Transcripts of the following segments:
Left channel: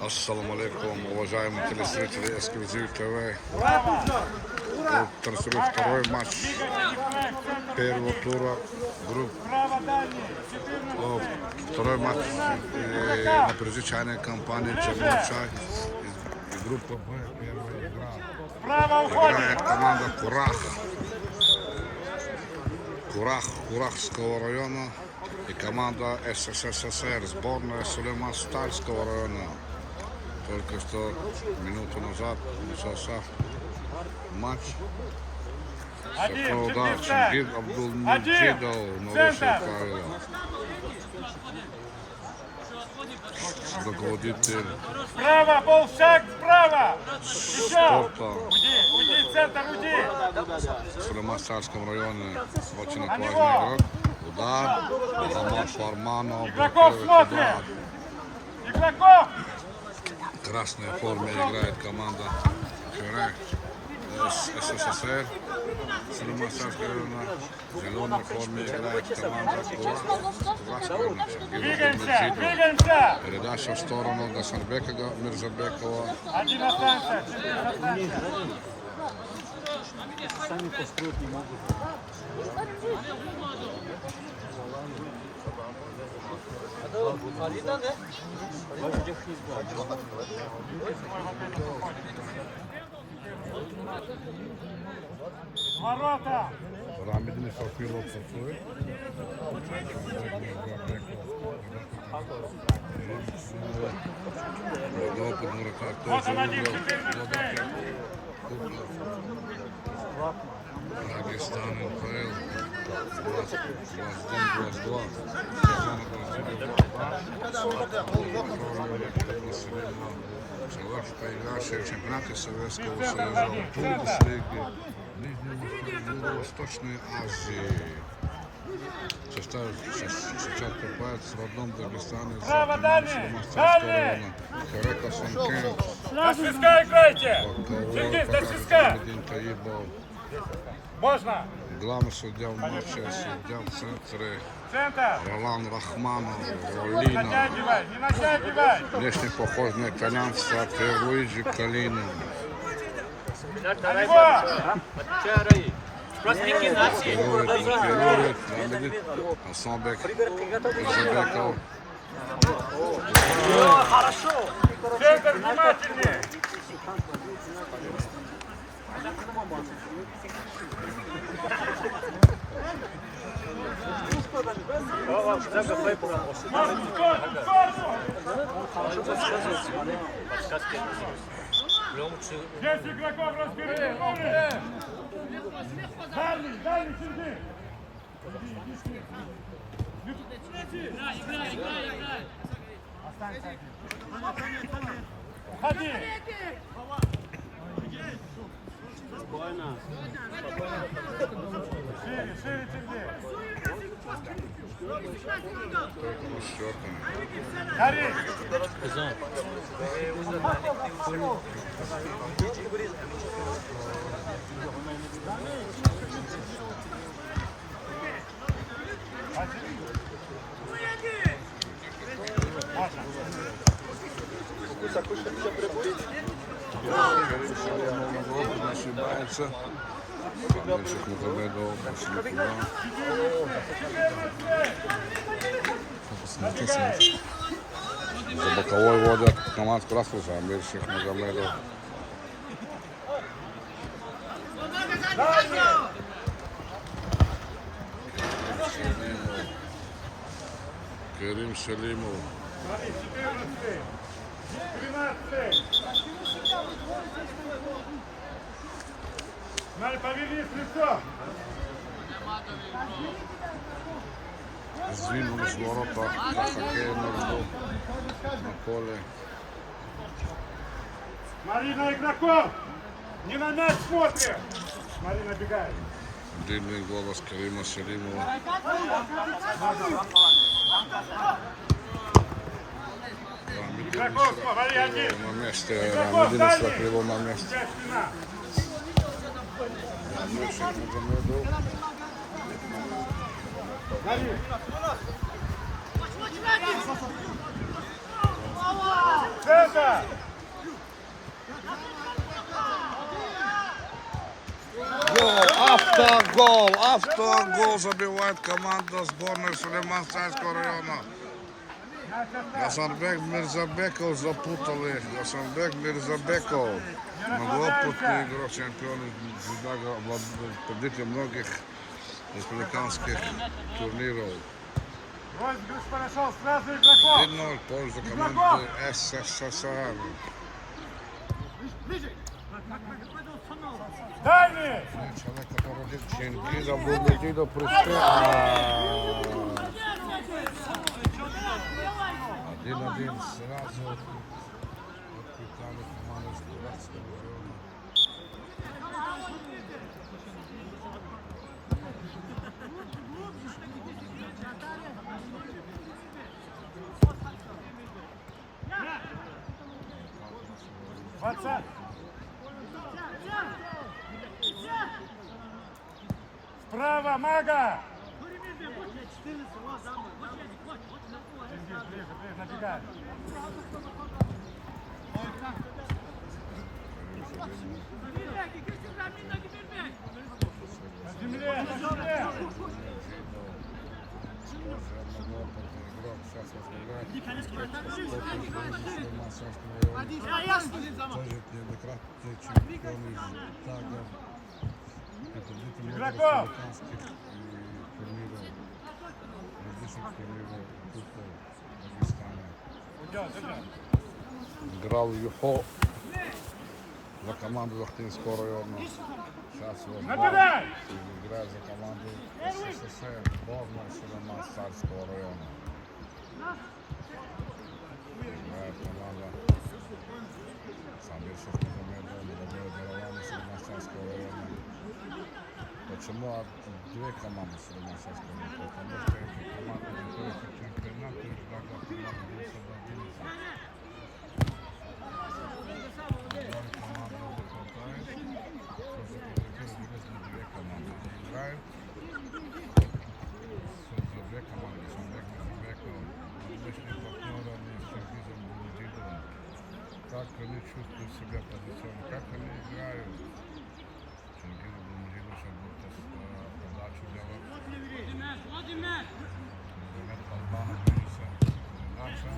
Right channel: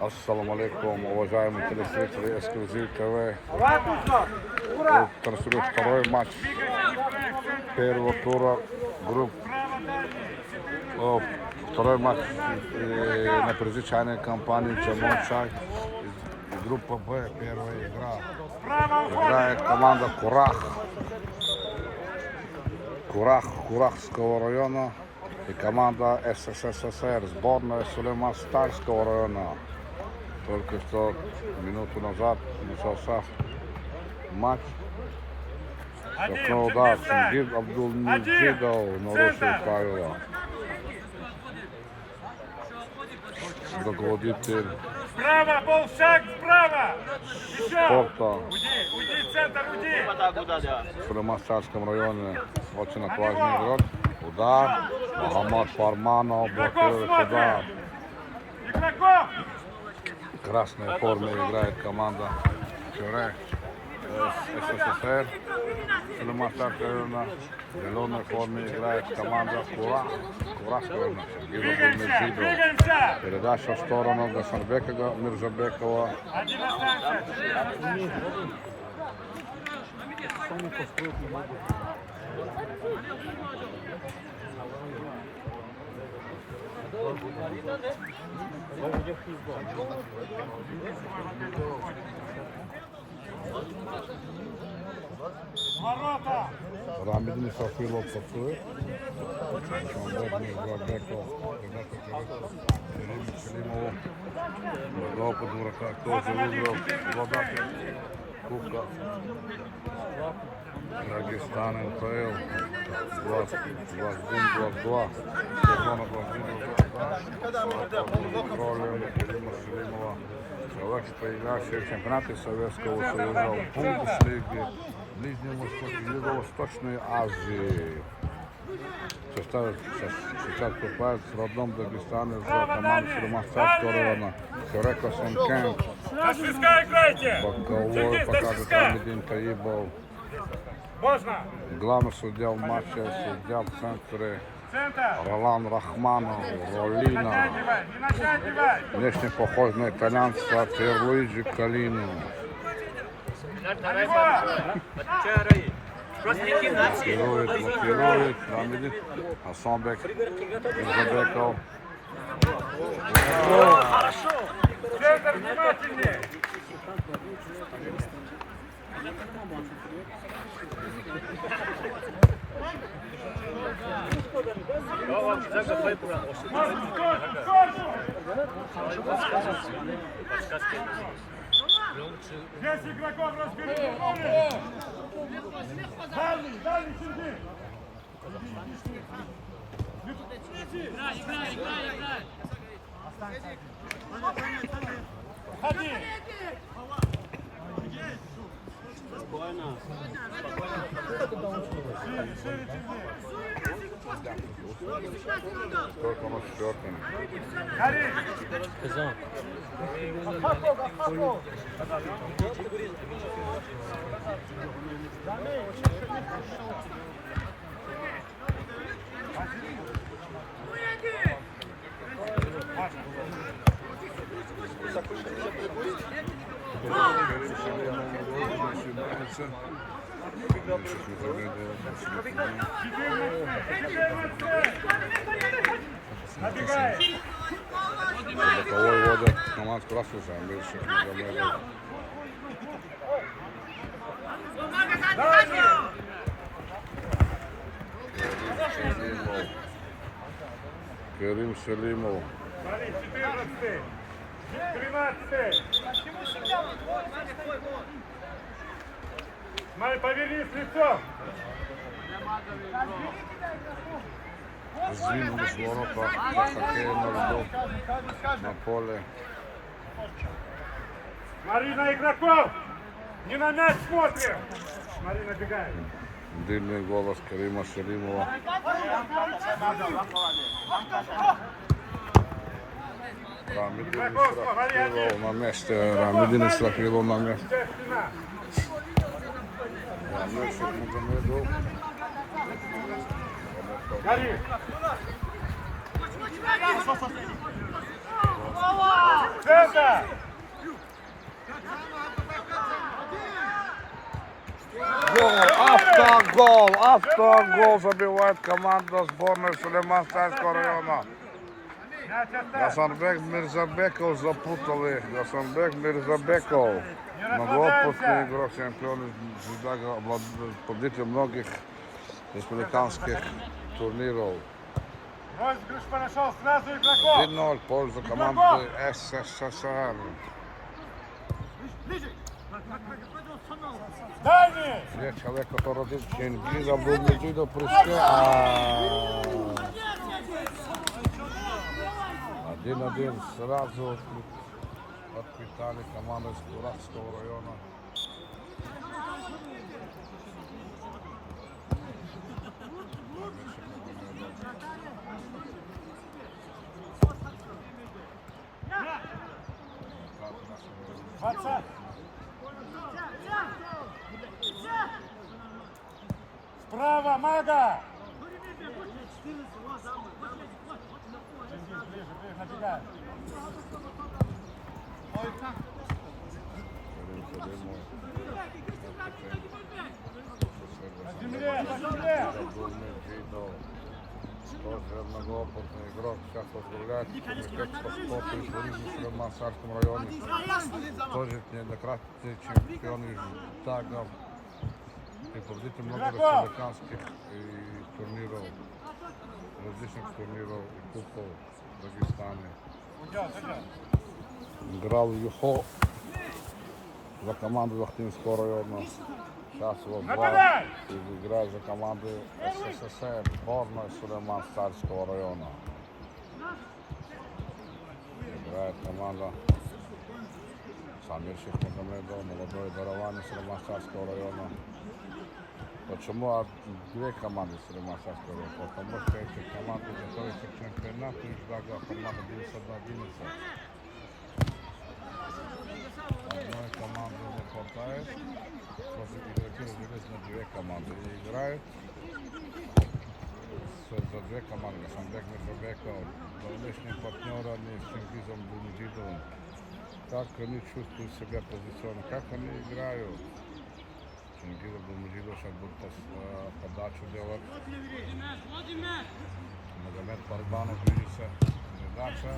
Ассаламу алейкум, уважаемые телезрители Эксклюзив ТВ. Транслирую второй матч первого тура групп. Второй матч на предвзначальной кампании Черной Чай и группа Б. Первая игра. Играет команда Курахского района и команда СССР, сборная Сулейман-Старского района. Только что минуту назад начался матч. Сокнул удар, Чингиз Абдулмеджидов нарушил правила. Руководитель Справа, полшаг справа! спорта Уйди, центр, уйди! в Сулейман-Старском районе. Очень отважный игрок. Удар. Мухаммад Фарманов блокирует удар. Игроков! В красной форме играет команда СССР. Сулейман-Старского района. В зеленой форме играет команда Курахского района. Двигаемся! Передача в сторону Гасанбека Мирзабекова. Один останется! Сами построить не могут. Ворота! Рамидин Сафилов Сафилов. Опыт вратарь тоже выиграл обладатель Кубка Дагестан НПЛ 21-22. Сезона 21-22. Под контролем Керима Селимова. Человек, поигравший в чемпионате Советского Союза, в Бундеслиге, Ближневосточной Азии. Сейчас попадает в родном Дагестане за команду Сулейман-Старского района. Корека Санкен. На свистка играйте! Боковой покажет Рамидин Таибов. Можно! Главный судья в матче, судья в центре Центр! Ролан Рахманов, Ролина. Не натягивай! Внешне похож на итальянца Пьерлуиджи Калину. Блокирует, Рамидин, Хасанбек, Мирзабеков. Центр внимательнее! Здесь игроков разбери! Дальний, Сергей! Играй! Останься один. Ходи! Шире, Сергей! Только на четвертом. Гори! Керим Селимов на голову не ошибается. Мальчик Мухаммедов, Басиликуна. 14! Боковой водят команд Красвуса, Мальчик Мухаммедов. Керим Селимов. Смотри, 14! 13! Смотри, повернись лицом! Сдвинулись ворота для хоккея на льду на поле. Смотри на игроков! Не на мяч смотрим! Смотри, набегает! Дымный голос Керима Селимова. Рамидин Исрафилов на месте. Рамидин Исрафилов на месте. Сейчас спина! Гори! Центр! Мага! Автогол забивает команда сборной Сулейман-Царского района. Гасанбек Мирзабеков запутали. Гасанбек Мирзабеков. Многоопытный игрок, чемпион Жидага, победитель многих республиканских турниров. Розыгрыш пошел сразу игроков. 1-0 в пользу команды СССР. Дальний! Нет, человек, который родился в Чингиза, был Меджидо Пруске. 1-1 сразу отпитали команду из Куратского района. Справа, Мага! На земле, на земле! Многоопытный игрок сейчас возглавляет опыт в Мансарском районе. Тоже неоднократный чемпион из Тагов. И победитель много республиканских турниров, различных турниров и кубков в Дагестане. Играл в ЮХО за команду Лохтинского района. Сейчас его Нападай! играет за команду СССР, сборной Сулейман-Царского района. Играет команда Самир Шахмагомедов, молодой Баравани Сулейман-Царского района. Почему две команды Сулейман-Царского района? Потому что эти команды, которые в чемпионате, между команда 10-11. Одной команды не хватает. Просто игроки разделились на две команды. Они играют за две команды. Гасанбек Мирзабеков, личный партнер они с Чингизом Булмеджидовым. Как они чувствуют себя позиционно, как они играют. Чингиз Булмеджидов сейчас будет подачу делать. Магомед Балбанов движется. Передача.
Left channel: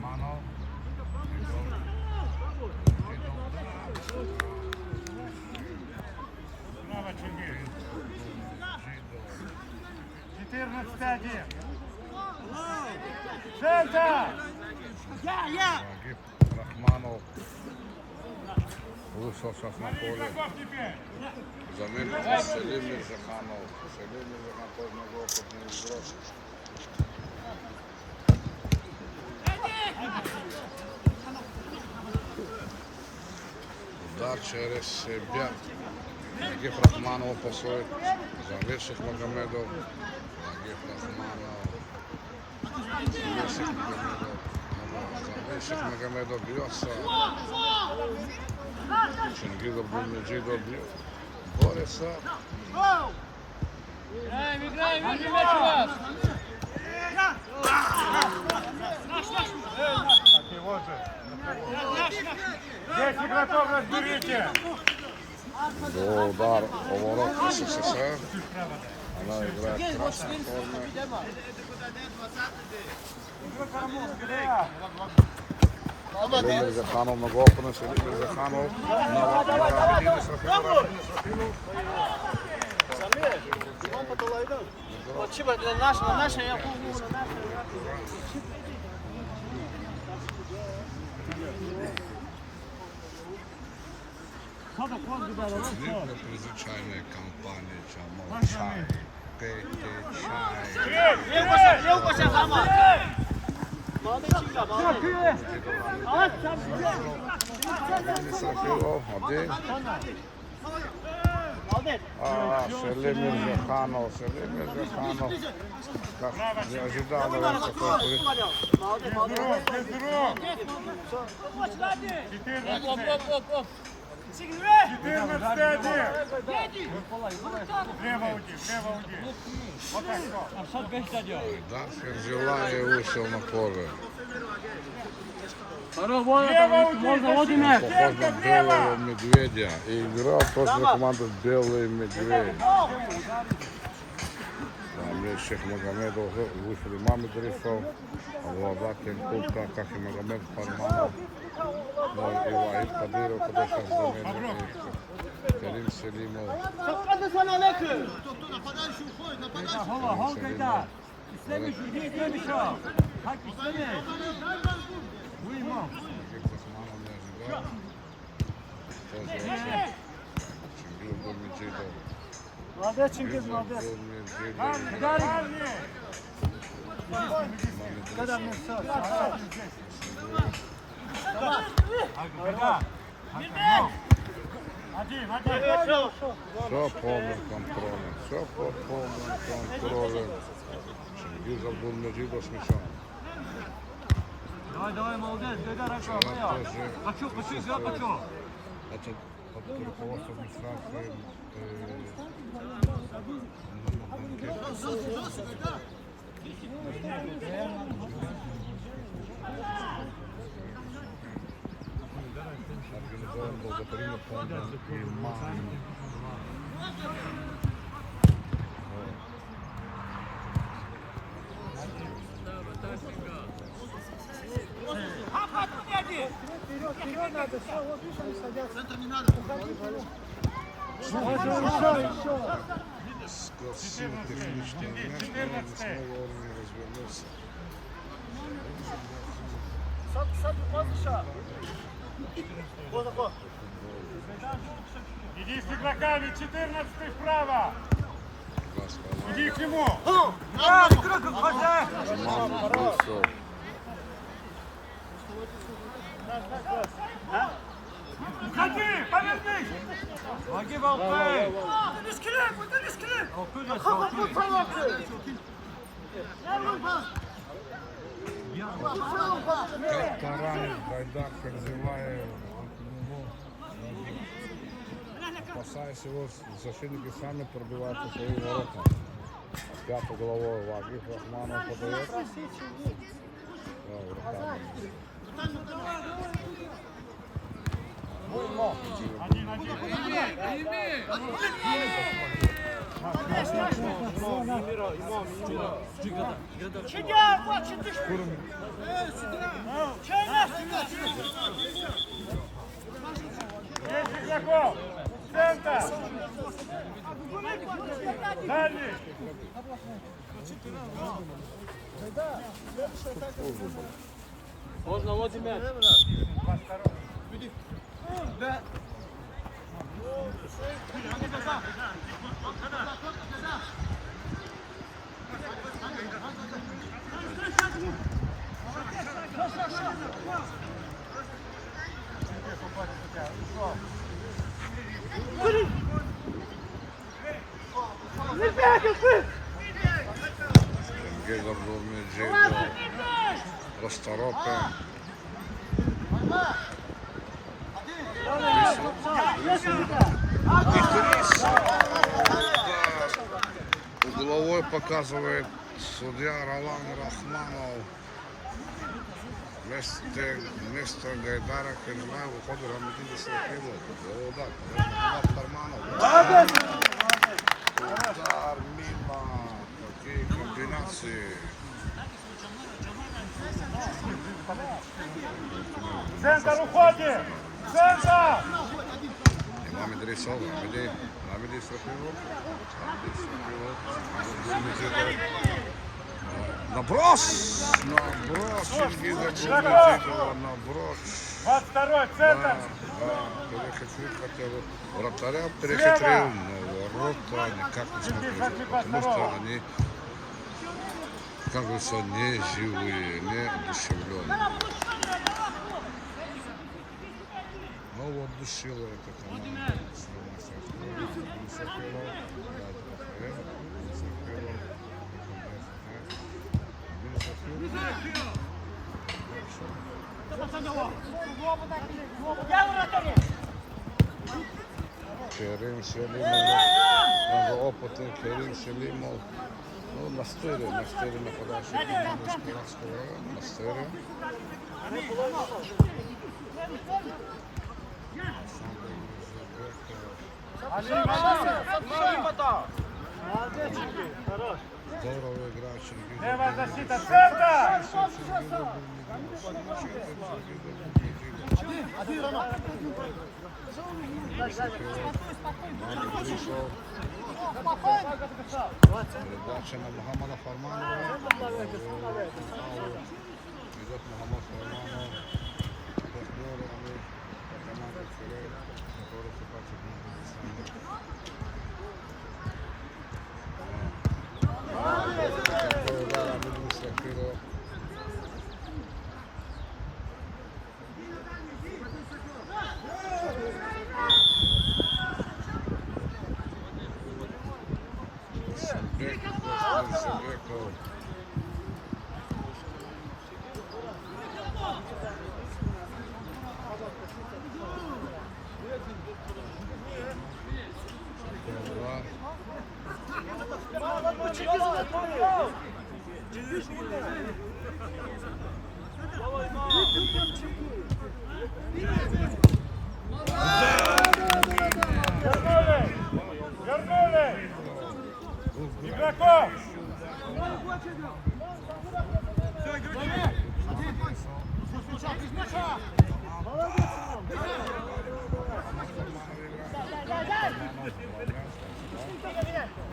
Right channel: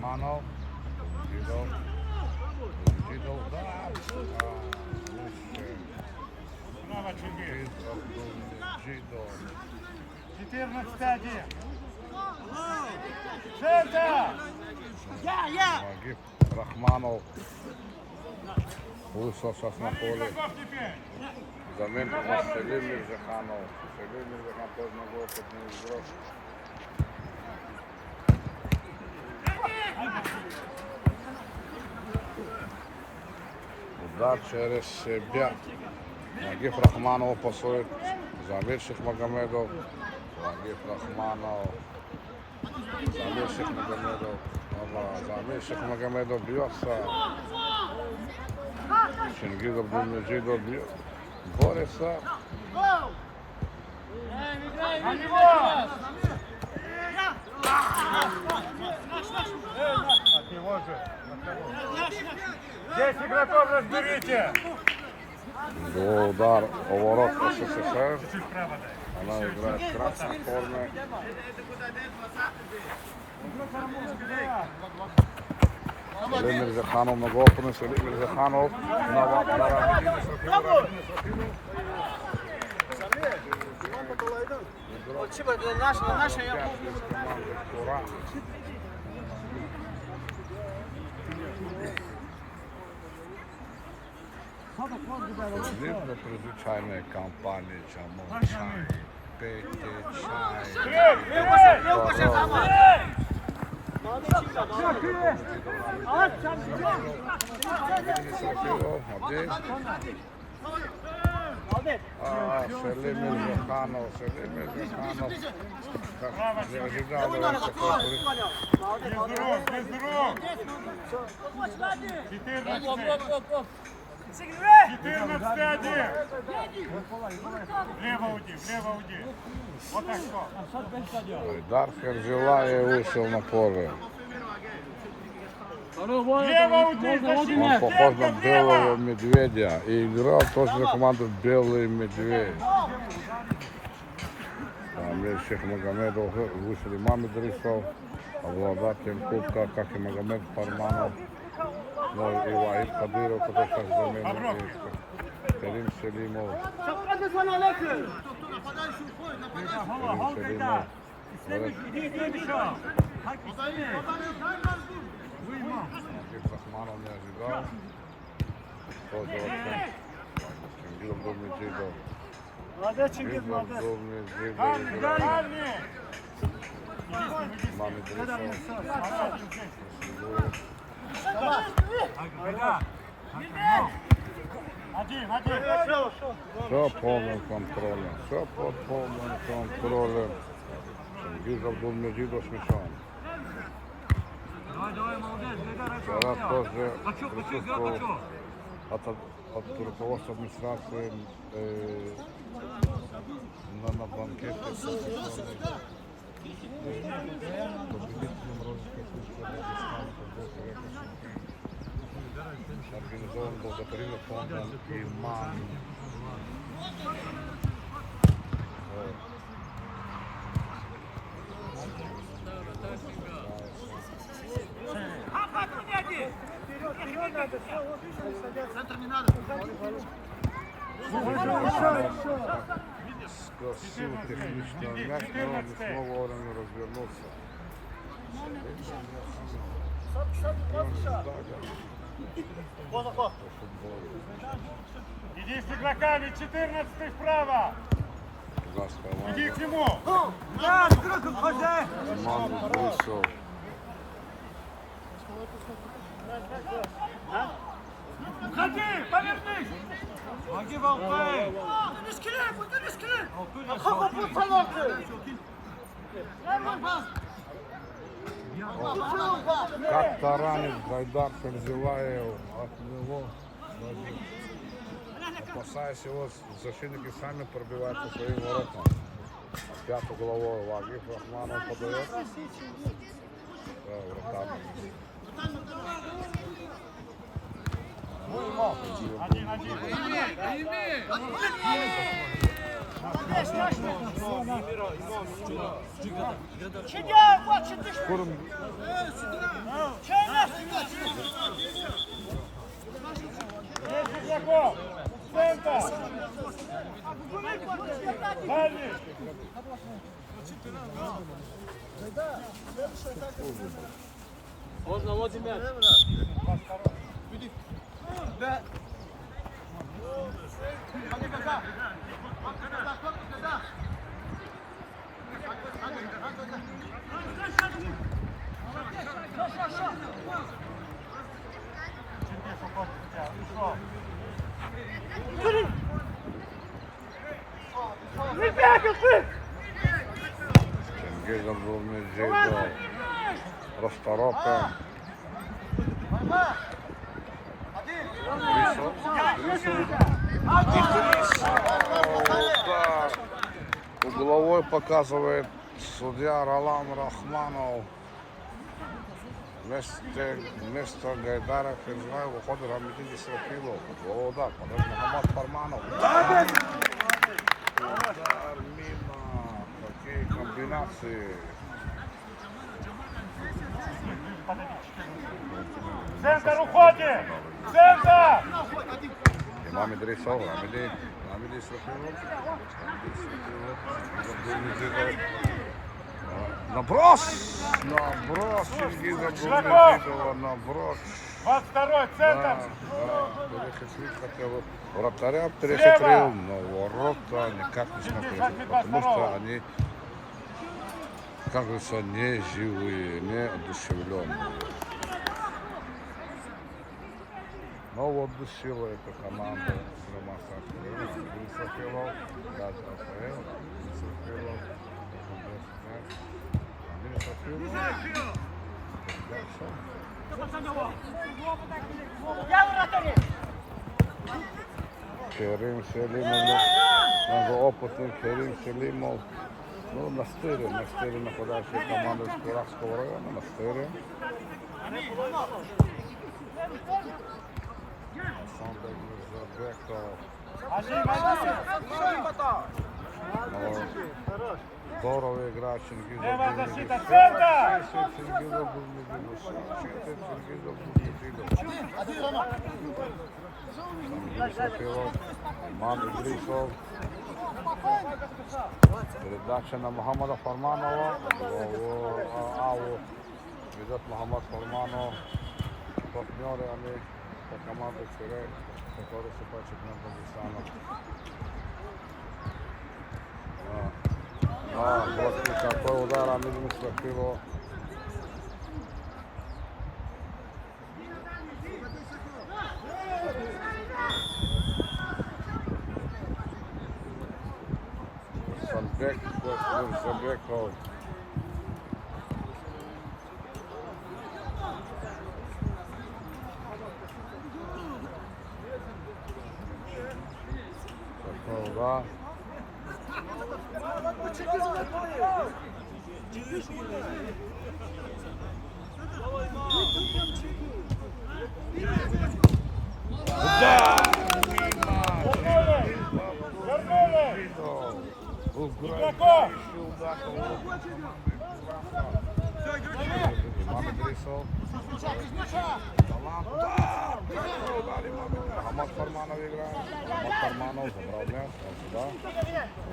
Манов. Справа, Чингиз. 14-1. Центр! Нагиб Рахманов. Лучше сейчас на Смотри поле. игроков теперь! Заметьте, Селим Мирзаханов. Селим Мирзаханов тоже многоопытный игрок. Удар через себя. Нагиб Рахманов посылает. Заведших Магомедов. Нагиб Рахманов. Заведших Магомедов. Заведших Магомедов бьется. Чингиз Абдулмеджидов бьет. Борется. От него же. Здесь игроков разберите! Удар, поворот СССР. Справа дай. Она играет в красной форме. Селим Мирзаханов, многоопытный Селим Мирзаханов. На Рабидина Срафилов. Для призвичайної кампанії чому чай, пейте чай. Дар Ферзилаев вышел на поле. Можно вот Он мяч. похож на белого медведя и играл тоже за команду «Белый медведь». Мне Шейх Магомедов уже вышел имам Идрисов, обладатель кубка Каши Магомед Фарманов, Илаид Кадыров, который сейчас заменил Карим Селимов. Магиб Захманов не ожидал. Тоже очень. Чингизов был Меджидов. Молодец, Чингиз, молодец. Все полным контролем, все под полным контролем. Дизель был Меджидов с мячом. Давай, молодец, бегай, Вчера тоже Хочу, присутствовал от руководства администрации на банкете. Центр не надо. Скосил технично мяч, но не смог вовремя развернуться. Иди с игроками, 14 вправо. Иди к нему. Уходи, повернись. Ноги болтай. Как таранит Гайдар Ферзилаев от него, спасаясь его, защитники сами пробивают свои ворота. Пятую головой Вагиф Рахманов подает. Можно вот мяч. Гизом был Меджидов. Расторопка. И Трисов. Удар. Угловой показывает судья Ролан Рахманов. Вместо Гайдара Ферзилаева выходит Рамидин Исрафилов. Удар. Подает Мухаммад Фарманов. Удар мимо. Какие комбинации. Центр уходит. Центр. Имам Идрисов, Рамиди Исрафилов. Наброс! Наброс Чингиза Булмедидова, наброс. 22-й Да, центр. перехитрил, хотел вратаря перехитрил, но ворота никак не смог перехитрить, потому что они, как говорится, не живые, не одушевленные. Но вот душила эта команда Сулейман Сафаров, Исрафилов, Гад Рафаэл, Исрафилов, Керим Селимов, многоопытный Керим Селимов. Ну, Настырин нападавший команду из Куравского района, Настырин. Сандер Жебеков. Хорош. Здорово играет Чингизов. Левая Булмидинов. защита, центр! Чингизов Булмидинов. Чингизов Булмидинов. Мамин пришел. Передача на Мухаммада Фарманова. Аут. Ведет Мухаммад Фарманов. Партнеры они. Команда Кирей, который собачек на Дагестана. Какой удар, а минус крыло. Сальбек, Костин Сальбеков. Ура. Игроков!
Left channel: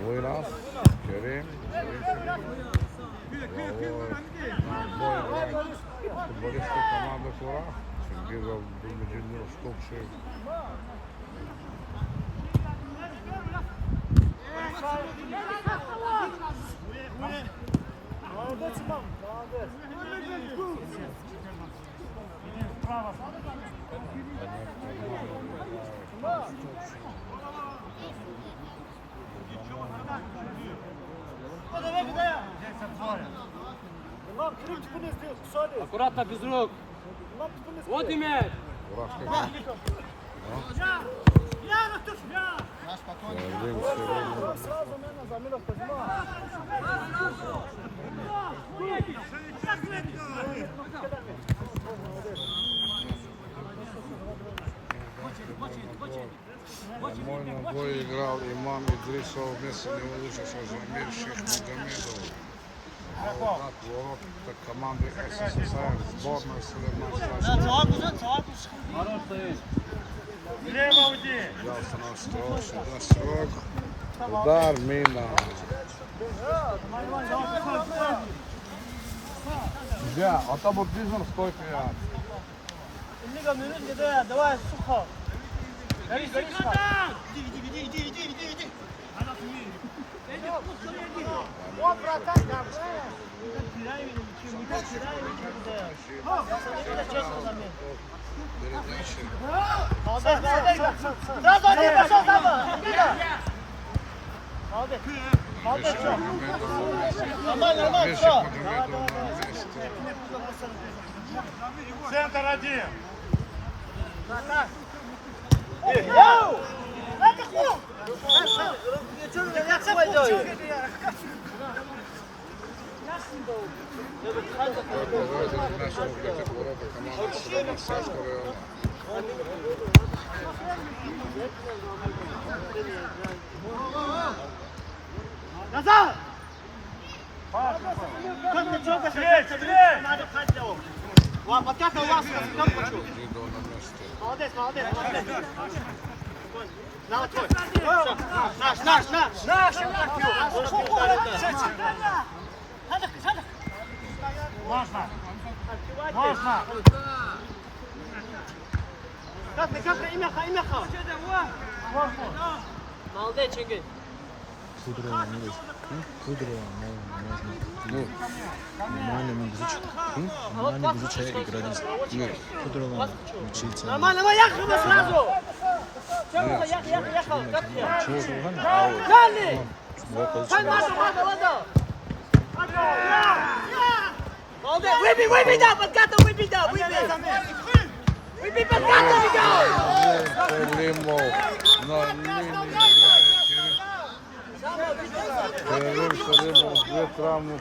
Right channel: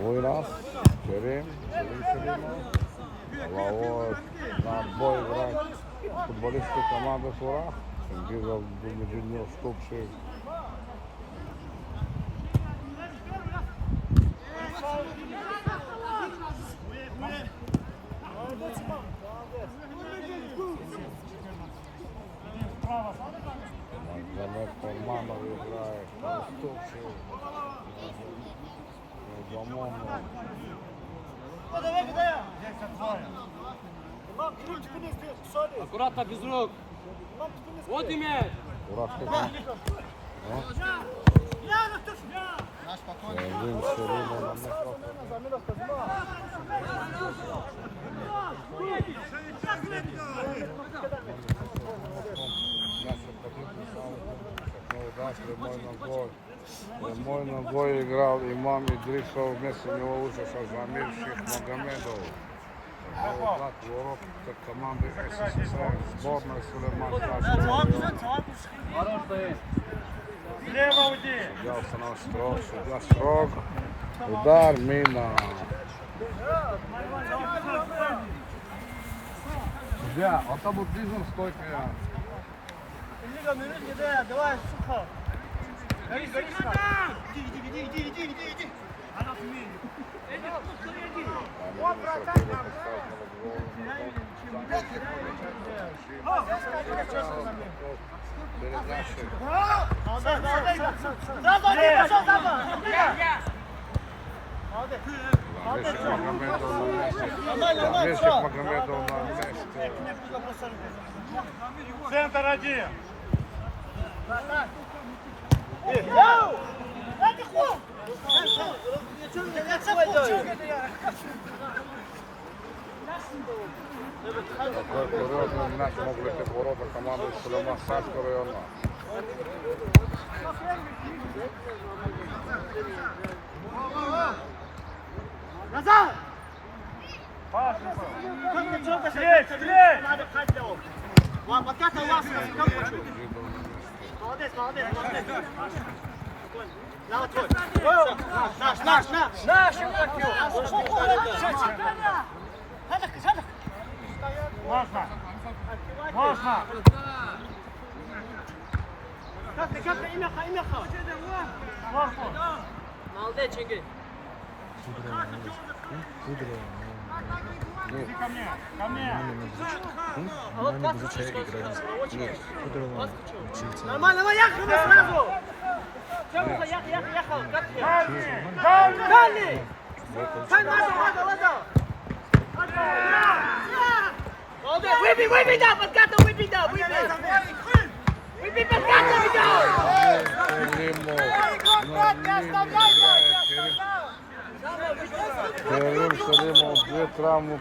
Буйнас, Керим, футболисты команды Тура, Чингизов Булмидинов, Ступшик. Молодець, Іван, молодець. Справа. Аккуратно, без рук. Вот и мяч. Бой играл Иман Идрисов, вместо него вышел Замир Шейх Магомедов. Наугад ворот команды СССР, сборная Сулейман Шашков. Хорош стоит. Слева уйди! Судья установил строк, судья строк. Удар, мина. Судья, автобуртизм стойка. Иннига минут не дай, давай сухо. Гори, гори, Передача. молодец, молодец. Сразу один пошел, сразу. Молодец. Замирших Магомедов на месте. Нормально, Замирших всё. Магомедов на месте. Центр один! Так, так. Это хуй! Это Ворота наш мог быть ворота команды Сулейман Сальского района. назад! Видео на месте. Молодец, молодец, молодец. На, твой. Наш, наш, наш. Наш, Можно! Можно! Капли, капли, имяха, имяха. Молодец, Чингис. Нормально изучая играли. И Кудрова учиться. Нормально, мы ехали сразу. Выбей, выбей, да, подкатывай, выбей, да, выбей. Выбей, подкатывай, да. Климов. На линии играет через... Керим Сулейман, две травмы.